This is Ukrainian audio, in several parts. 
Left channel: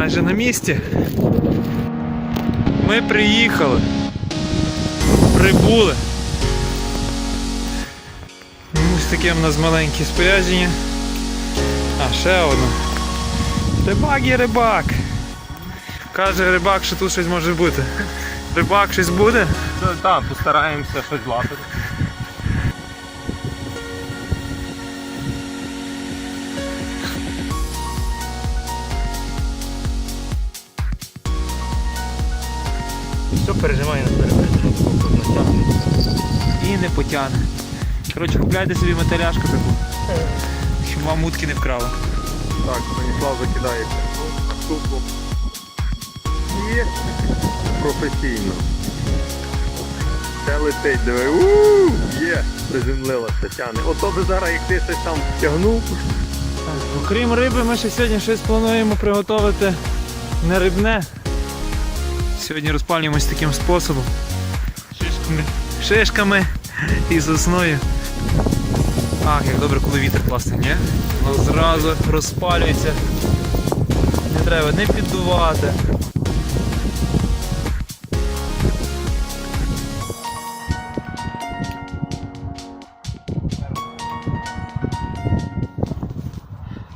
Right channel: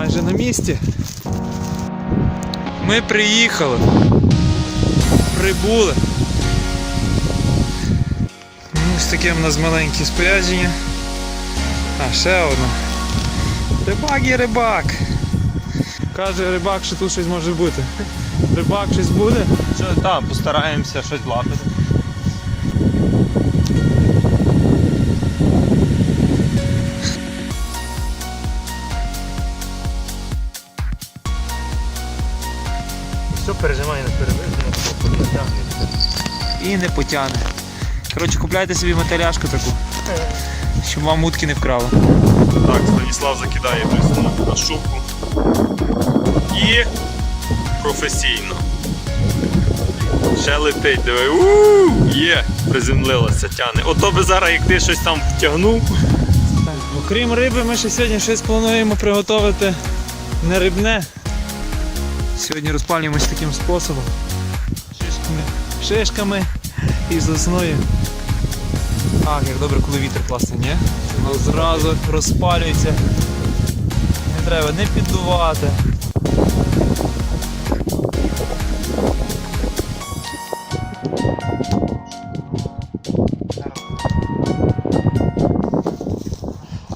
майже на місці. Ми приїхали. Прибули. Ось таке в нас маленьке спорядження. А, ще одне. Рибак є рибак. Каже рибак, що тут щось може бути. Рибак щось буде? Що там, постараємося щось лапити. І не потягне. Коротше, купляйте собі матеряшку таку. Щоб вам мутки не вкрали. Так, Станіслав закидає на шубку. І професійно. Ще летить, диви. у Є, приземлилася, тяне. Ото би зараз, як ти щось там втягнув. Окрім риби, ми ще сьогодні щось плануємо приготувати не рибне. Сьогодні розпалюємось таким способом. Шишками. Шишками і сосною. Ах, як добре, коли вітер класний, ні? Воно зразу розпалюється. Не треба не піддувати.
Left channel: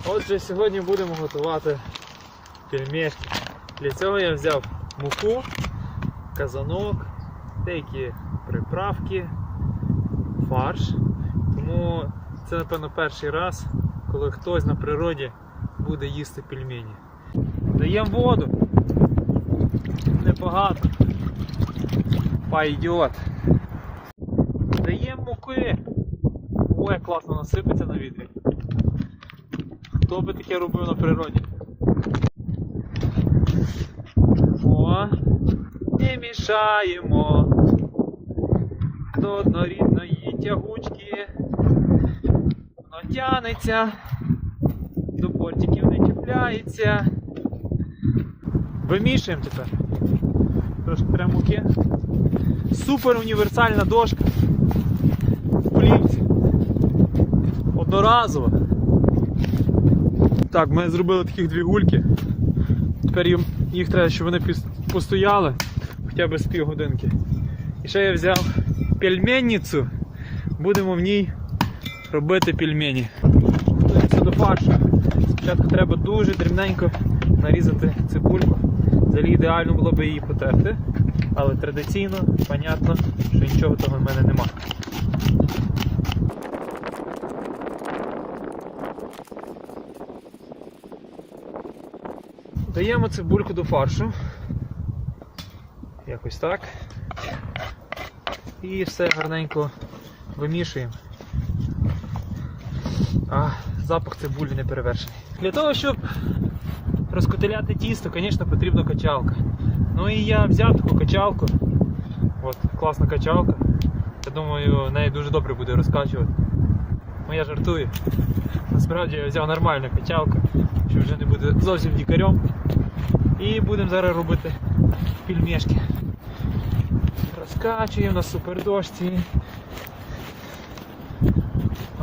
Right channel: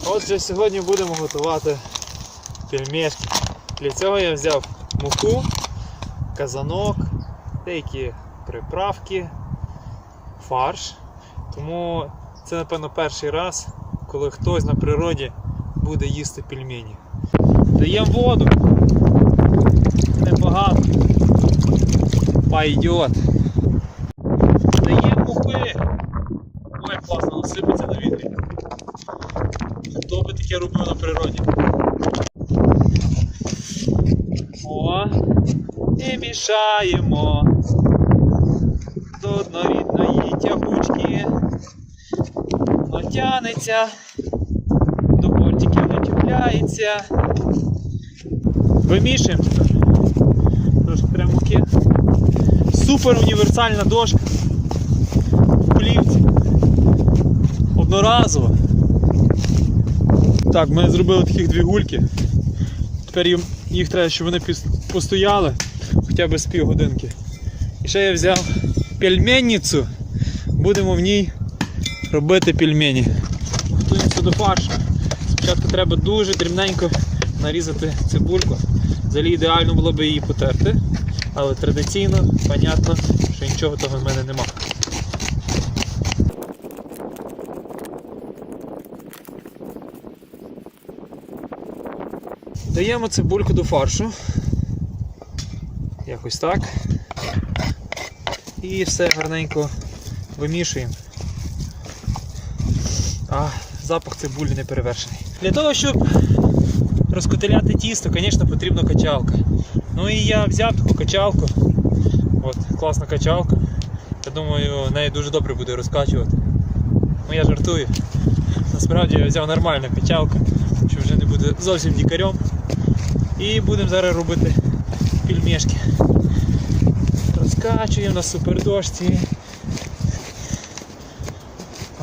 Отже, сьогодні будемо готувати пельмешки. Для цього я взяв муку, казанок, деякі приправки, фарш. Тому це, напевно, перший раз, коли хтось на природі буде їсти пельмені. Даємо воду. Небагато. Пойдет. Даємо муки. Ой, як класно насипеться на вітрі. Хто би таке робив на природі? О, не мішаємо до однорідної тягучки. Натягнеться, до бортиків натіпляється. Вимішуємо тепер. Трошки прям муки. Супер універсальна дошка. Плівці. Одноразова. Так, ми зробили таких дві гульки. Тепер їм, їх треба, щоб вони постояли хоча б з півгодинки. І ще я взяв пельменницю. Будемо в ній робити пельмені. Готуємося до фаршу. Спочатку треба дуже дрібненько нарізати цибульку. Взагалі ідеально було б її потерти. Але традиційно, понятно, що нічого того в мене нема. Даємо цибульку до фаршу. Якось так. І все гарненько вимішуємо. А, запах цибулі не перевершений. Для того, щоб розкотиляти тісто, звісно, потрібна качалка. Ну і я взяв таку качалку. От, класна качалка. Я думаю, нею дуже добре буде розкачувати. Ну я жартую. Насправді я взяв нормальну качалку, що вже не буде зовсім дікарем. І будемо зараз робити пельмешки. Розкачуємо на супердошці.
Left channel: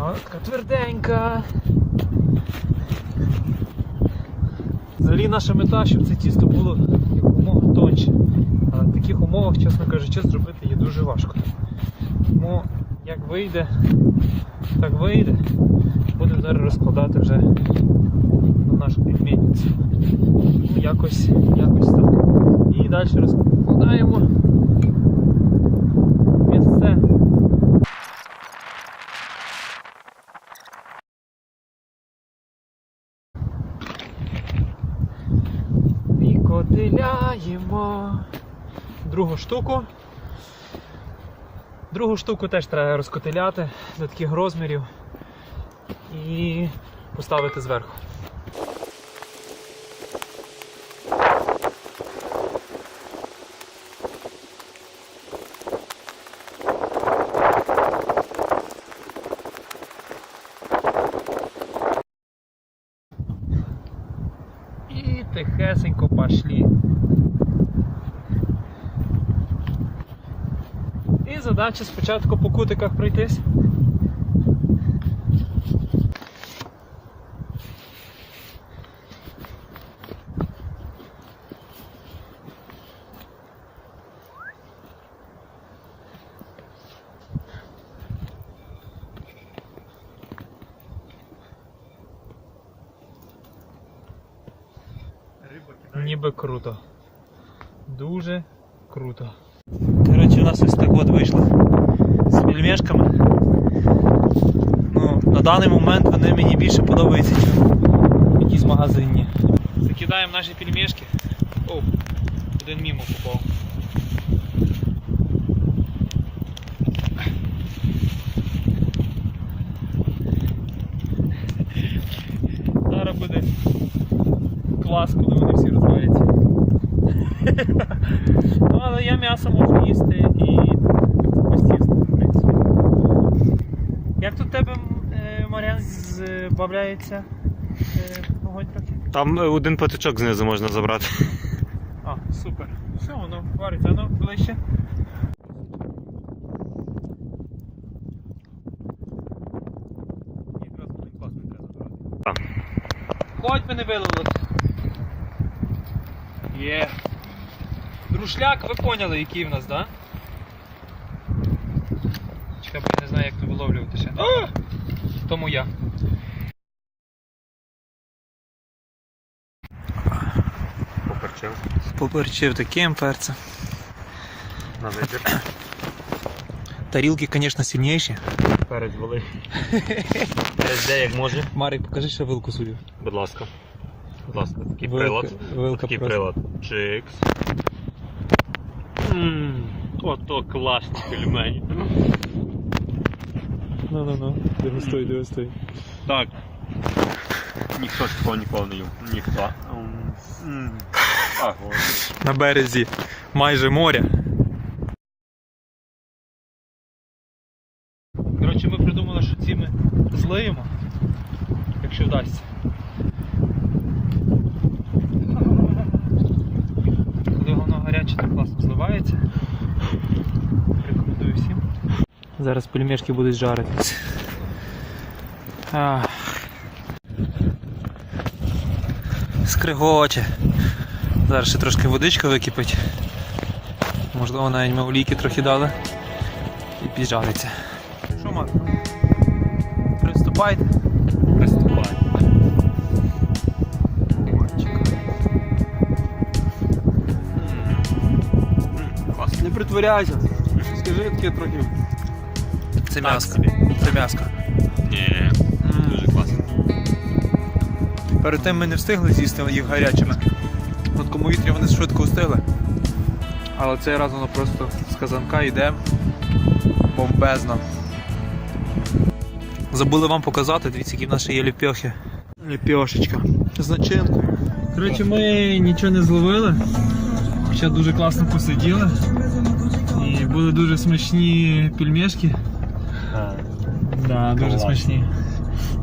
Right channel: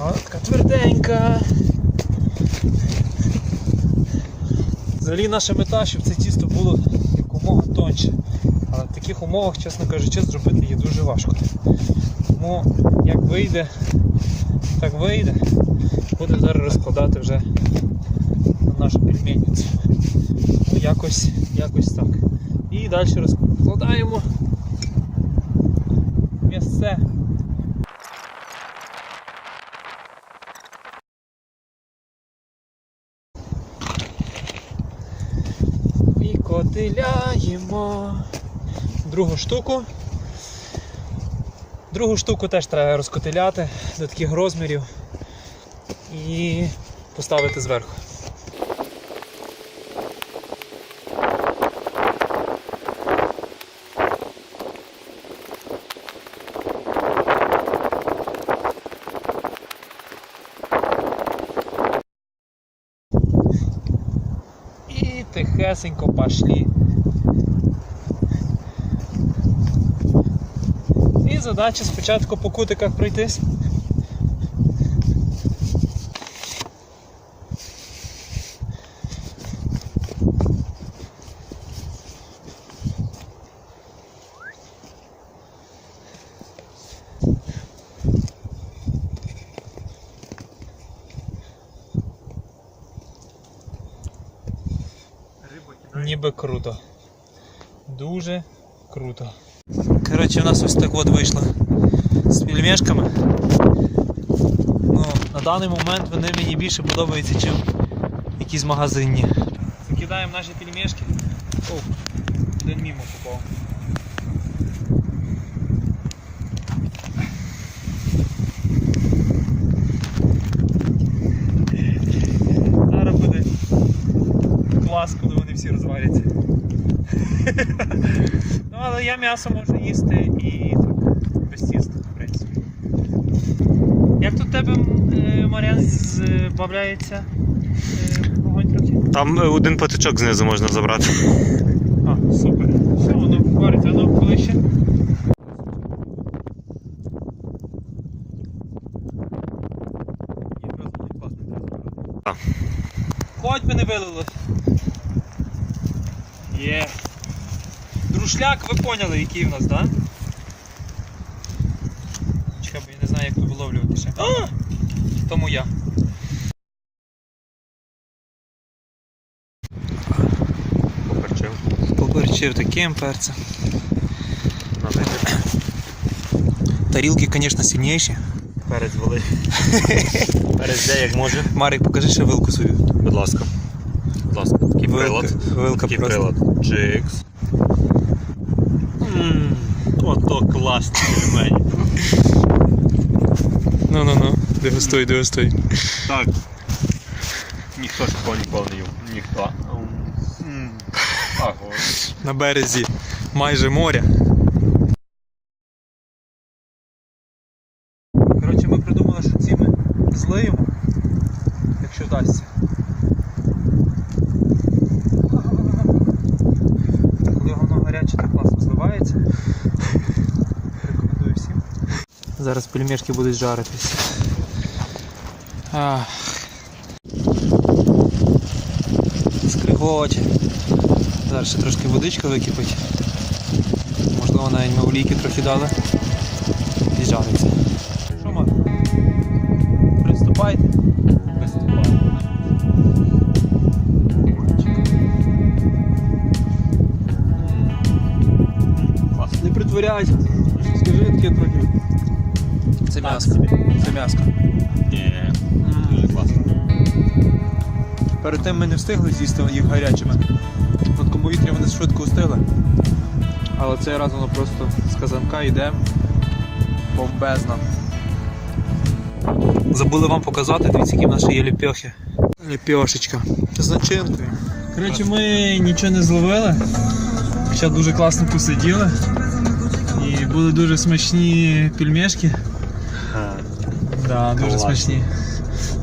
О, така тверденька. Взагалі наша мета, щоб це тісто було якомога тоньше. Але в таких умовах, чесно кажучи, зробити її дуже важко. Тому як вийде, так вийде. Будемо зараз розкладати вже на нашу пельменницю. Ну, якось, якось так. І далі розкладаємо місце. І котиляємо другу штуку. Другу штуку теж треба розкотиляти до таких розмірів і поставити зверху. І тихесенько пошли. І задача спочатку по кутиках пройтись. Би круто. Дуже круто. Коротше, у нас ось так от вийшло з пельмешками. Ну, на даний момент вони мені більше подобаються, ніж якісь магазинні. Закидаємо наші пельмешки. О, один мімо попав. Зараз буде клас, коли вони всі розваляться. ну, але я м'ясо можу їсти і без тіста, в принципі. Як тут тебе е, Мар'ян збавляється е, вогонь трохи? Там е, один патичок знизу можна забрати. А, супер. Все, воно вариться, воно ближче. Так. Хоть би не вилили. Є. Друшляк, ви поняли, який в нас, так? Да? Чекай, бо я не знаю, як тут виловлювати ще. А! Тому я. Поперчив. Поперчив таким перцем. Тарілки, звісно, сильніші. Перець вали. Перець де як може. Марик, покажи ще вилку свою. Будь ласка. Будь ласка, такий Вилка, прилад. вилка Такий просто. прилад. Чикс. Ммм, ото класний пельмень. Ну ну ну, дегустуй, дегустуй. Так. Ніхто ж такого ніколи не їв. Ніхто. М. На березі майже моря. Коротше, ми придумали, що ці ми злиємо, якщо вдасться. Коли воно гаряче, так класно зливається. Рекомендую всім. Зараз пельмешки будуть жаритись. Ах. Скригоче. Зараз ще трошки водичка википить. Можливо, навіть ми олійки трохи дали. І жариться. Що, Марк? Приступайте. Приступай. Не притворяйся. Скажи таке трохи. Це Так собі. Це м'яско. Ні. Дуже класно. Перед тим ми не встигли з'їсти їх гарячими. В такому вітрі вони швидко встигли. Але цей раз воно просто з казанка йде бомбезно. Забули вам показати, дивіться, які в нас ще є ліпьохи. Ліпьошечка. З начинкою. Коротше, ми нічого не зловили. Хоча дуже класно посиділи. І були дуже смачні пельмешки. Да, дуже Клас. смачні.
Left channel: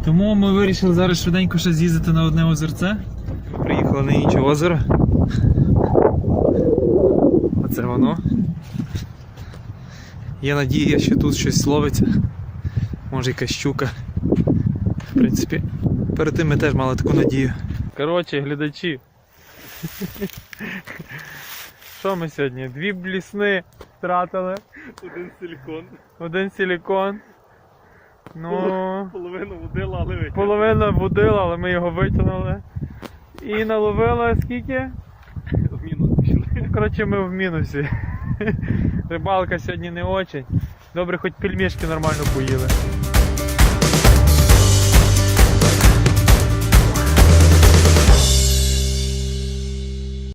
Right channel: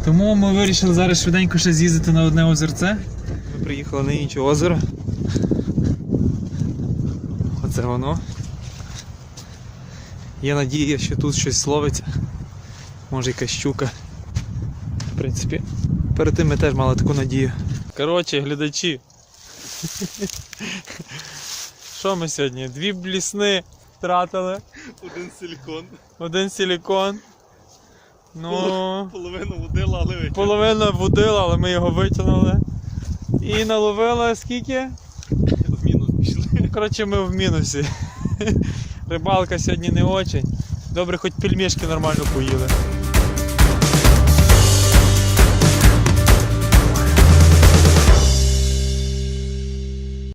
Тому ми вирішили зараз швиденько ще з'їздити на одне озерце. Ми приїхали на інше озеро. Оце воно. Є надія, що тут щось ловиться. Може якась щука. В принципі, перед тим ми теж мали таку надію. Коротше, глядачі. Що ми сьогодні? Дві блісни втратили, Один силікон. один силікон. Ну. Половину водила, але витягнули. Половина водила, але ми його витягнули. І наловили скільки? В мінус пішли. Коротше, ми в мінусі. Рибалка сьогодні не очень. Добре, хоч пельмішки нормально поїли.